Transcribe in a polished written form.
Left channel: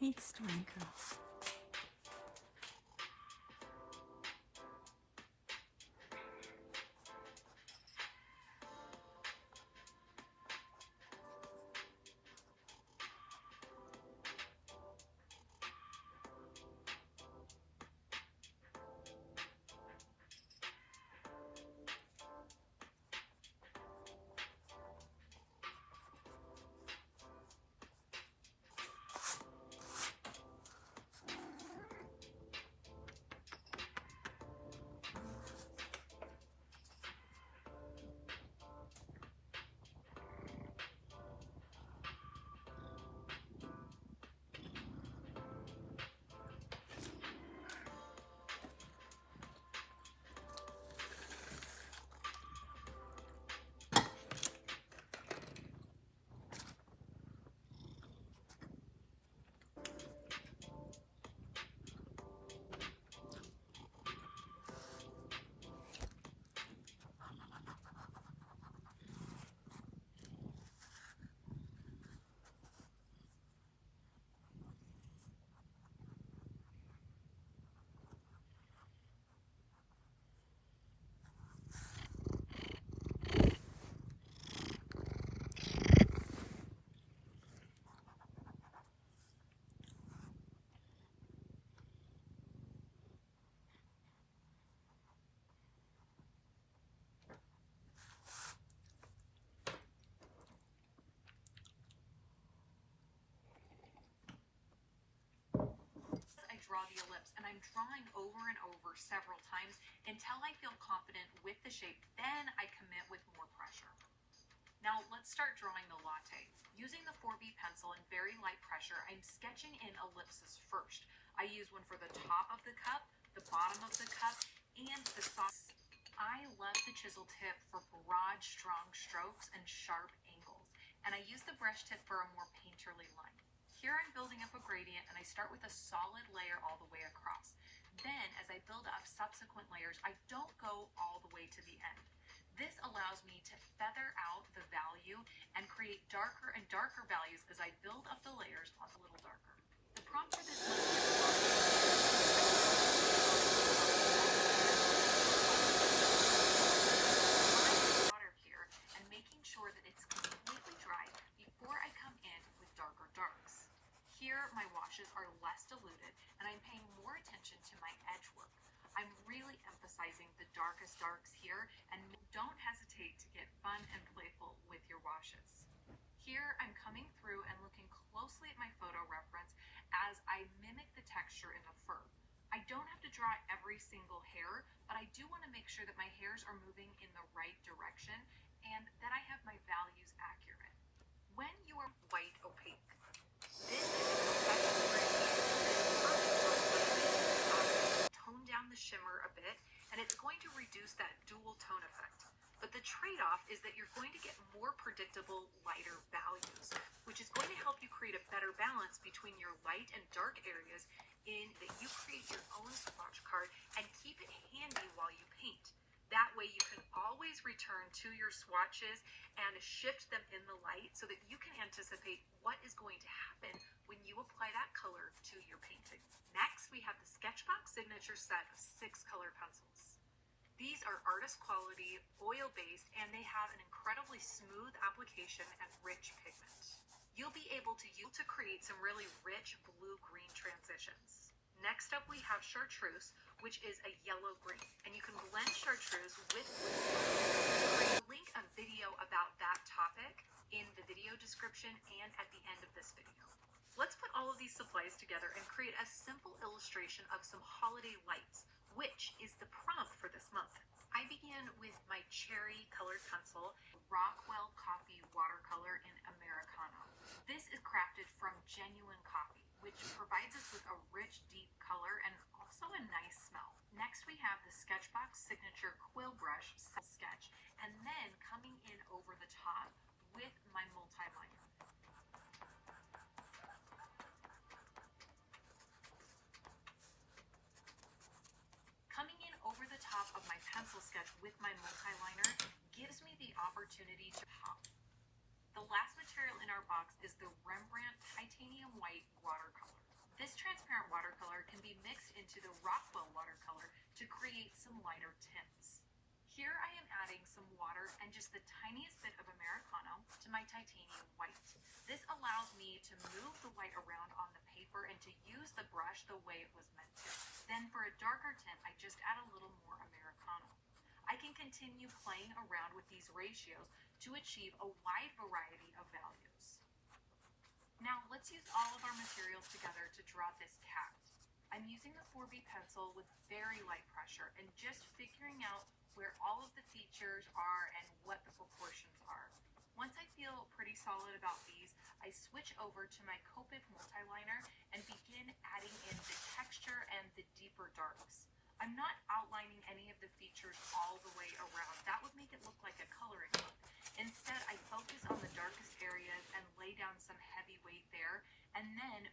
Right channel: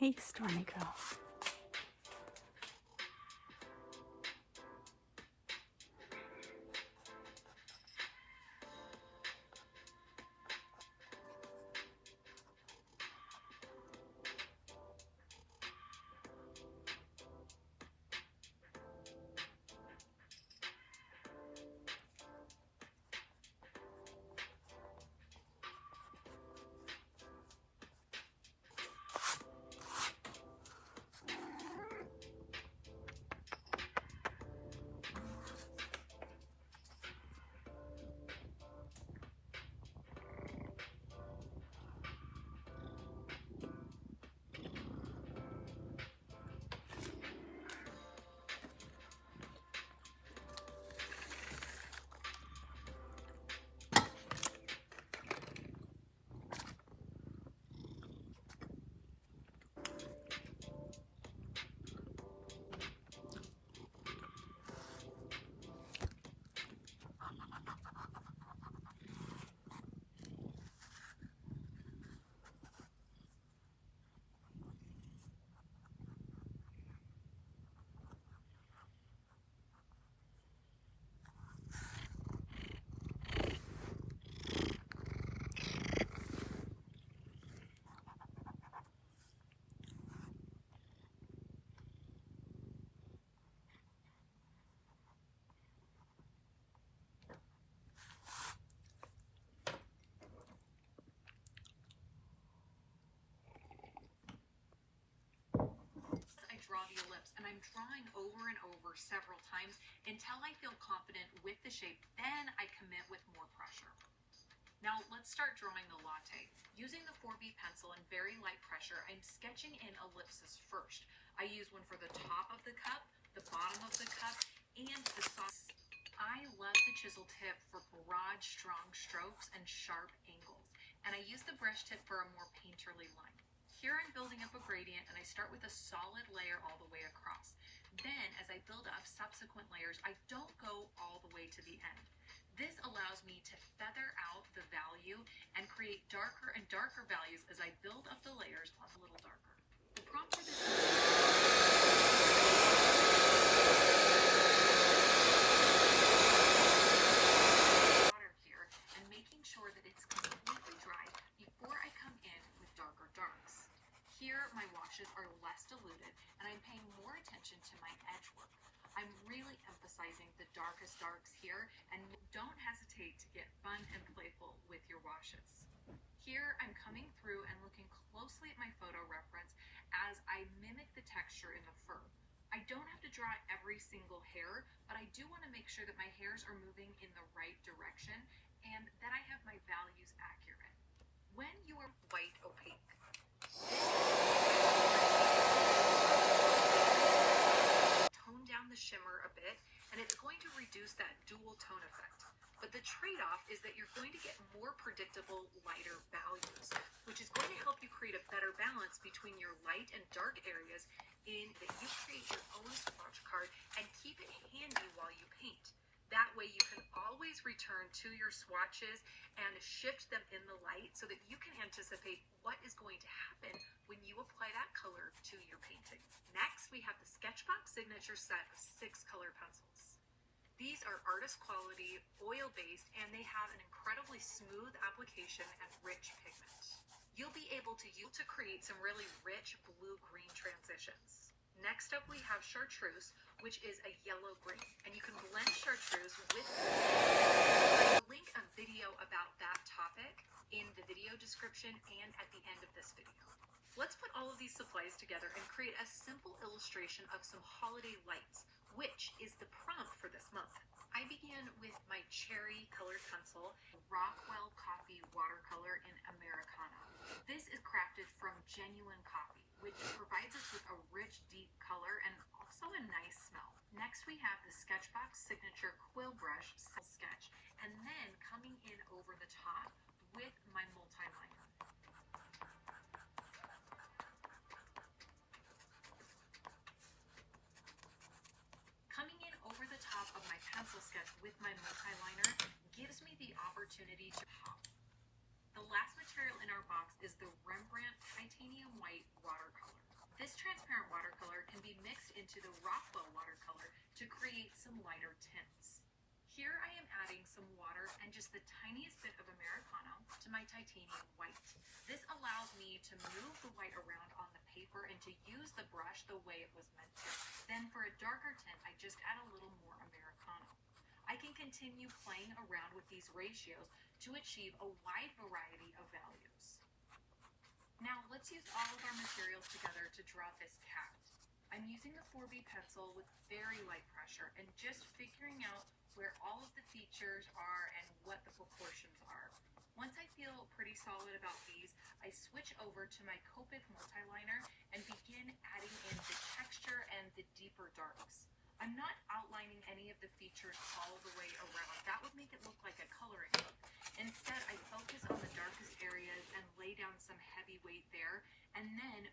Hey, Stormy Girl. I draw the ellipse, and I'm drawing over and over several times until I feel confident with the shape. Then I commit with more pressure. Now let's start drawing the latte. Using the 4B pencil and very light pressure, I'm sketching in ellipses first. I use one for the top of the cup, the bottom of the cup, and the sauce. I love the chisel tip for broad, strong strokes and sharp angles, and I use the brush tip for a more painterly line. Here I'm building up a gradient, and I start with a solid layer all the way across. Then, as I build up subsequent layers, I don't go all the way to the end. This allows me to feather out the value and create darker and darker values as I build up the layers a little darker. The prompt for this water here and making sure that it's completely dry before I come in with darker darks. Here, my washes are less diluted, and I'm paying more attention to my edge work. I'm really emphasizing the darkest darks here, and don't hesitate to get fun and playful with your washes. Here, I'm coming through and looking closely at my photo reference as I mimic the texture in the fur. I don't have to draw every single hair, but I do want to make sure that my hairs are moving in the right direction and that I have my values accurate. When you are white opaque, tone down the shimmer a bit, and it's going to reduce that dual tone effect. But the trade-off is that you're going to get more predictable, lighter values, which is going to help you create a better balance between your light and dark areas in that you create your own swatch card and keep it handy while you paint. That way you can always return to your swatches and shift them in the light so that you can anticipate what is going to happen when you apply that color to your painting. Next, we have the Sketchbox Signature set of 6 color pencils. These are artist quality, oil-based, and they have an incredibly smooth application and rich pigment. You'll be able to use to create some really rich blue-green transitions. Next up, we have Chartreuse, which is a yellow-green, and you can blend Chartreuse with I will link a video about that topic in the video description and at the end of this video. Let's put all of these supplies together and create a simple illustration of some holiday lights, which is the prompt for this month. I began with my cherry colored pencil, Rockwell Coffee watercolor in Americano. This is crafted from genuine coffee, which provides us with a rich, deep color and also a nice smell. Next, we have the Sketchbox Signature Quill Brush sketch, and then coming in over the top with my multi-liner. Coming in over the top of my pencil sketch with my multi-liner gives me the opportunity to pop. The last material in our box is the Rembrandt Titanium White watercolor. This transparent watercolor can be mixed into the Rockwell watercolor to create some lighter tints. Here I am adding some water and just the tiniest bit of Americano to my titanium white. This allows me to move the white around on the paper and to use the brush the way it was meant to. Then for a darker tint, I just add a little more Americano. I can continue playing around with these ratios to achieve a wide variety of values. Now let's use all of our materials together to draw this cat. I'm using the 4B pencil with very light pressure and just figuring out where all of the features are and what the proportions are. Once I feel pretty solid about these, I switch over to my Copic multiliner and begin adding in the texture and the deeper darks. I'm not outlining any of the features all the way around. That would make it look like a coloring book. Instead, I focus on the darkest areas and lay down some heavy weight there, and then